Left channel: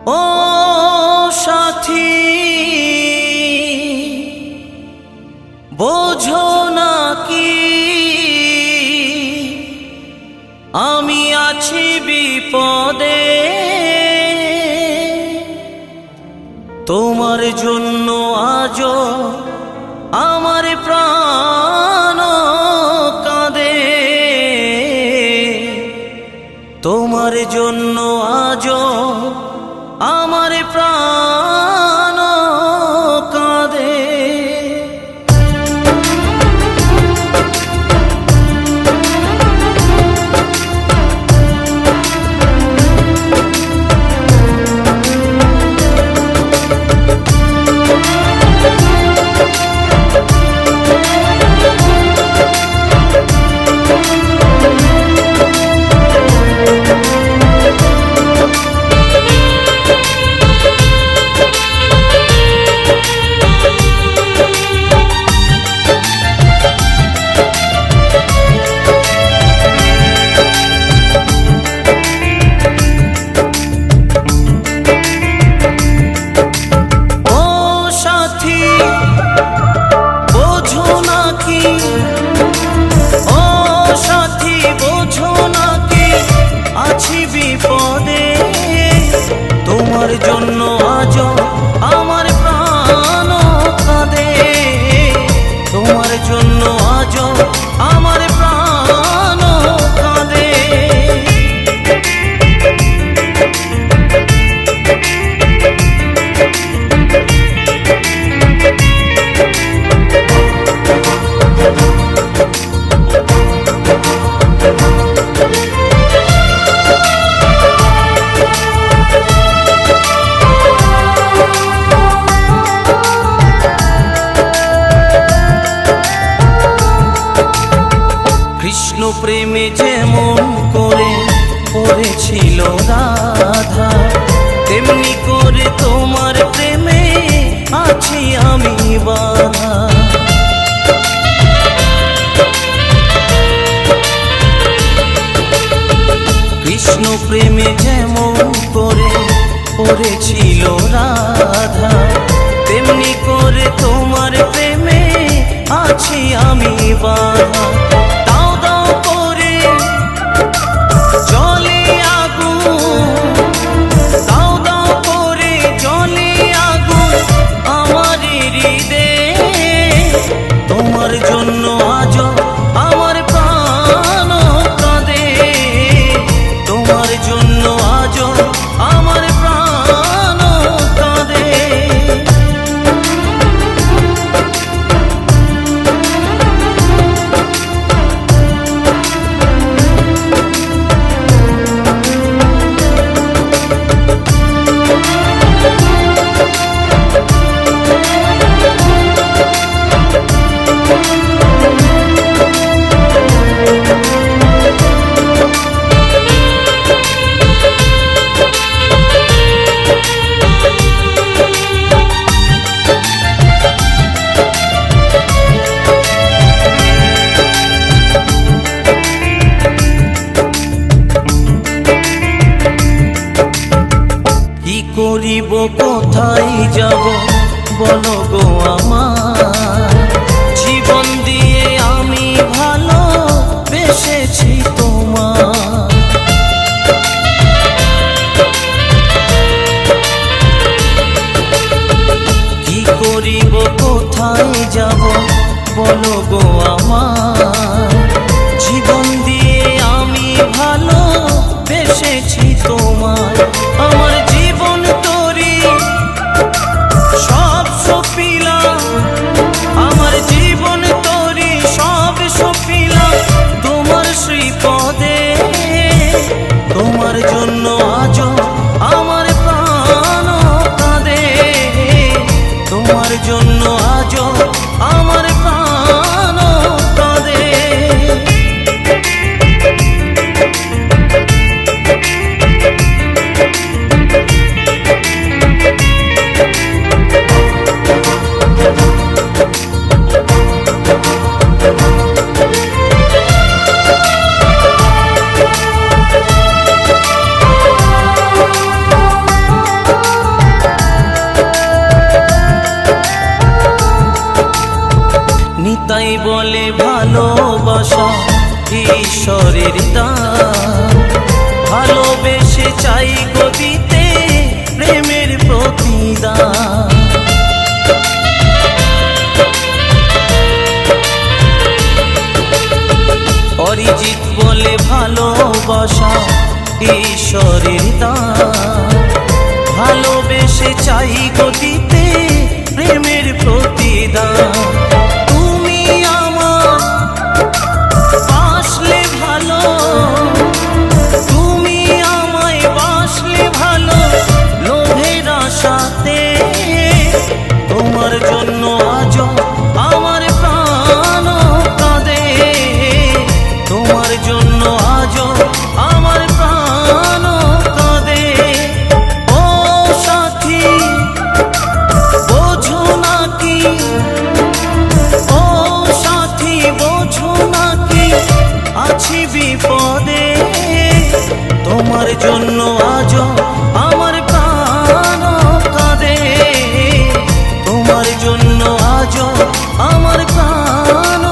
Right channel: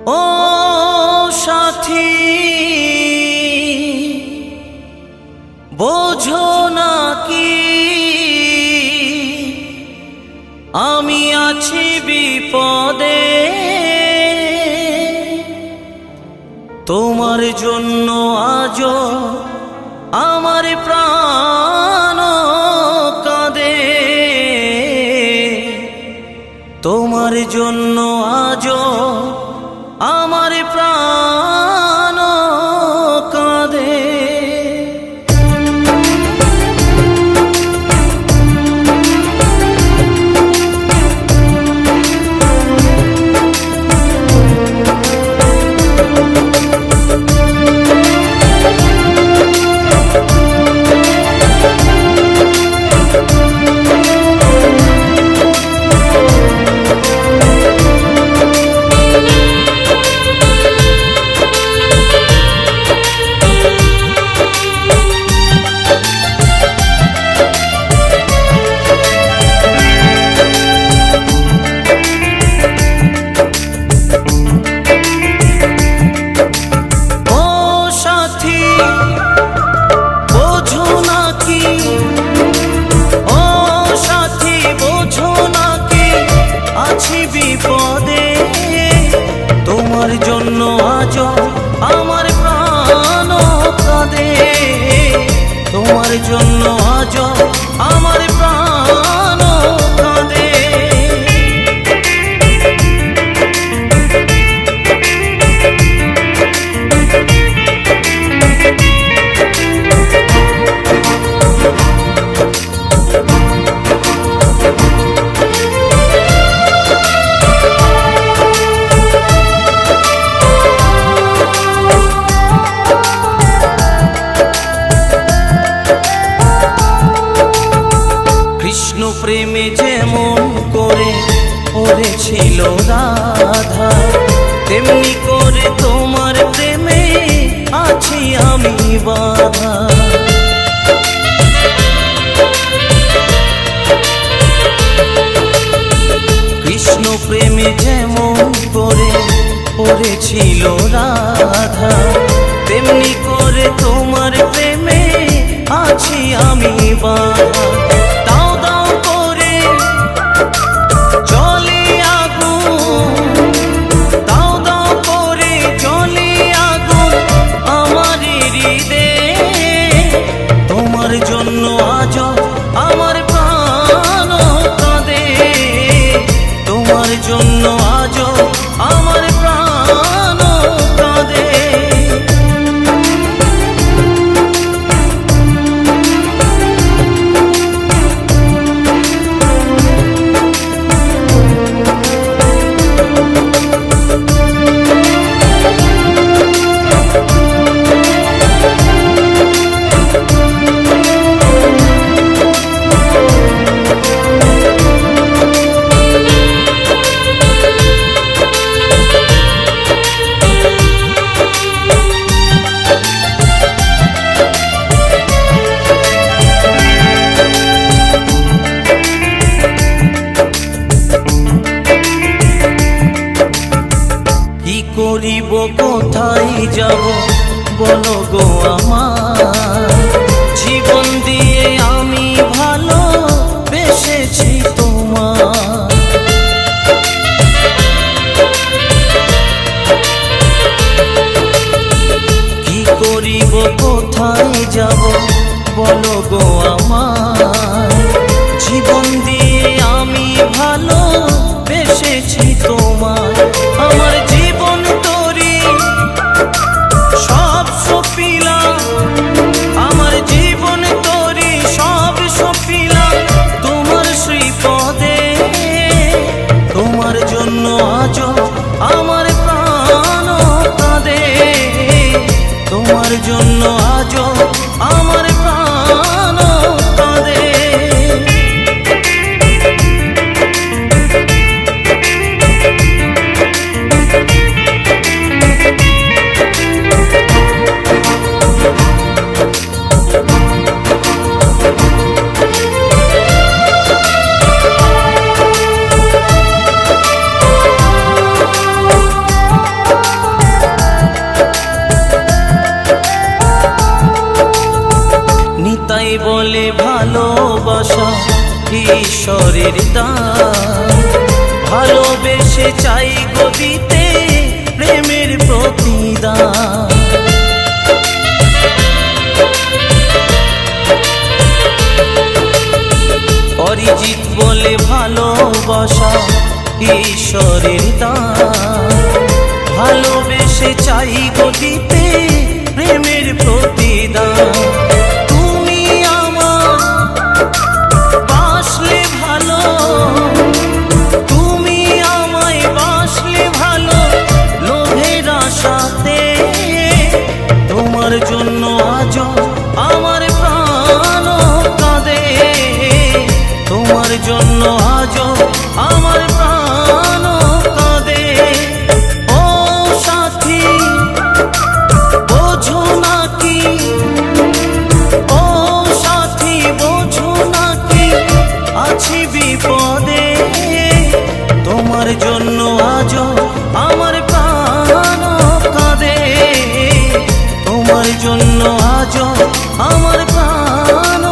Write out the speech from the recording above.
ও সাথী বোঝো না কি আমি আছি বিপদে, তোমার জন্য আজও আমার প্রাণ কাঁদে, তোমার জন্য আজও আমার প্রাণ কাঁদে। বোঝো নাকি ও সাথী বোঝো নাকি আছি বিপদে, তোমার জন্য আজও আমার প্রাণ কাঁদে, তোমার জন্য আজও আমার প্রাণ কাঁদে। কৃষ্ণ প্রেমে যেমন করে পড়েছিল রাধা, তেমনি করে তোমার প্রেমে আছি আমি বাধা। কৃষ্ণ প্রেমে যেমন করে পড়েছিল রাধা, তেমনি করে তোমার প্রেমে আছি আমি বাধা। দাও দাও করে জলে আগুন, দাও দাও করে জলে আগুন আমার হৃদয়ে, তোমার জন্য আজও আমার প্রাণ কাঁদে, তোমার জন্য আজও আমার প্রাণ কাঁদে। কি করিব কোথায় যাব বলো গো আমার, জীবন দিয়ে আমি ভালো বেসেছি তোমার। কি করিব কোথায় যাব বলো গো আমার, জীবন দিয়ে আমি ভালো বেসেছি তোমার। আমার জীবন তোরি সব সপিলাম, আমার জীবন তোরি সব সপিলাম তোমার শ্রীপদে, তোমার জন্য আজও আমার প্রাণ কাঁদে, তোমার জন্য আজও আমার প্রাণ কাঁদে। বলে ভালোবাসা ঈশ্বরের দান, ভালোবেসে চাই গো দিতে প্রেমের প্রতিদান। অরিজিৎ বলে ভালোবাসা ঈশ্বরের দান, ভালোবেসে চাই গো দিতে প্রেমের প্রতিদান। তুমি আমার বাসলে ভালো, তুমি আমায় বাসলে ভালো লোভের আশাতে, তোমার জন্য আজ আমার প্রাণ কাঁদে, তোমার জন্য আজ আমার প্রাণ কাঁদে। ও সাথী বোঝো নাকি, ও সাথী বোঝো নাকি আছি বিপদে, তোমার জন্য আজ আমার প্রাণ কাঁদে, তোমার জন্য আজ আমার প্রাণ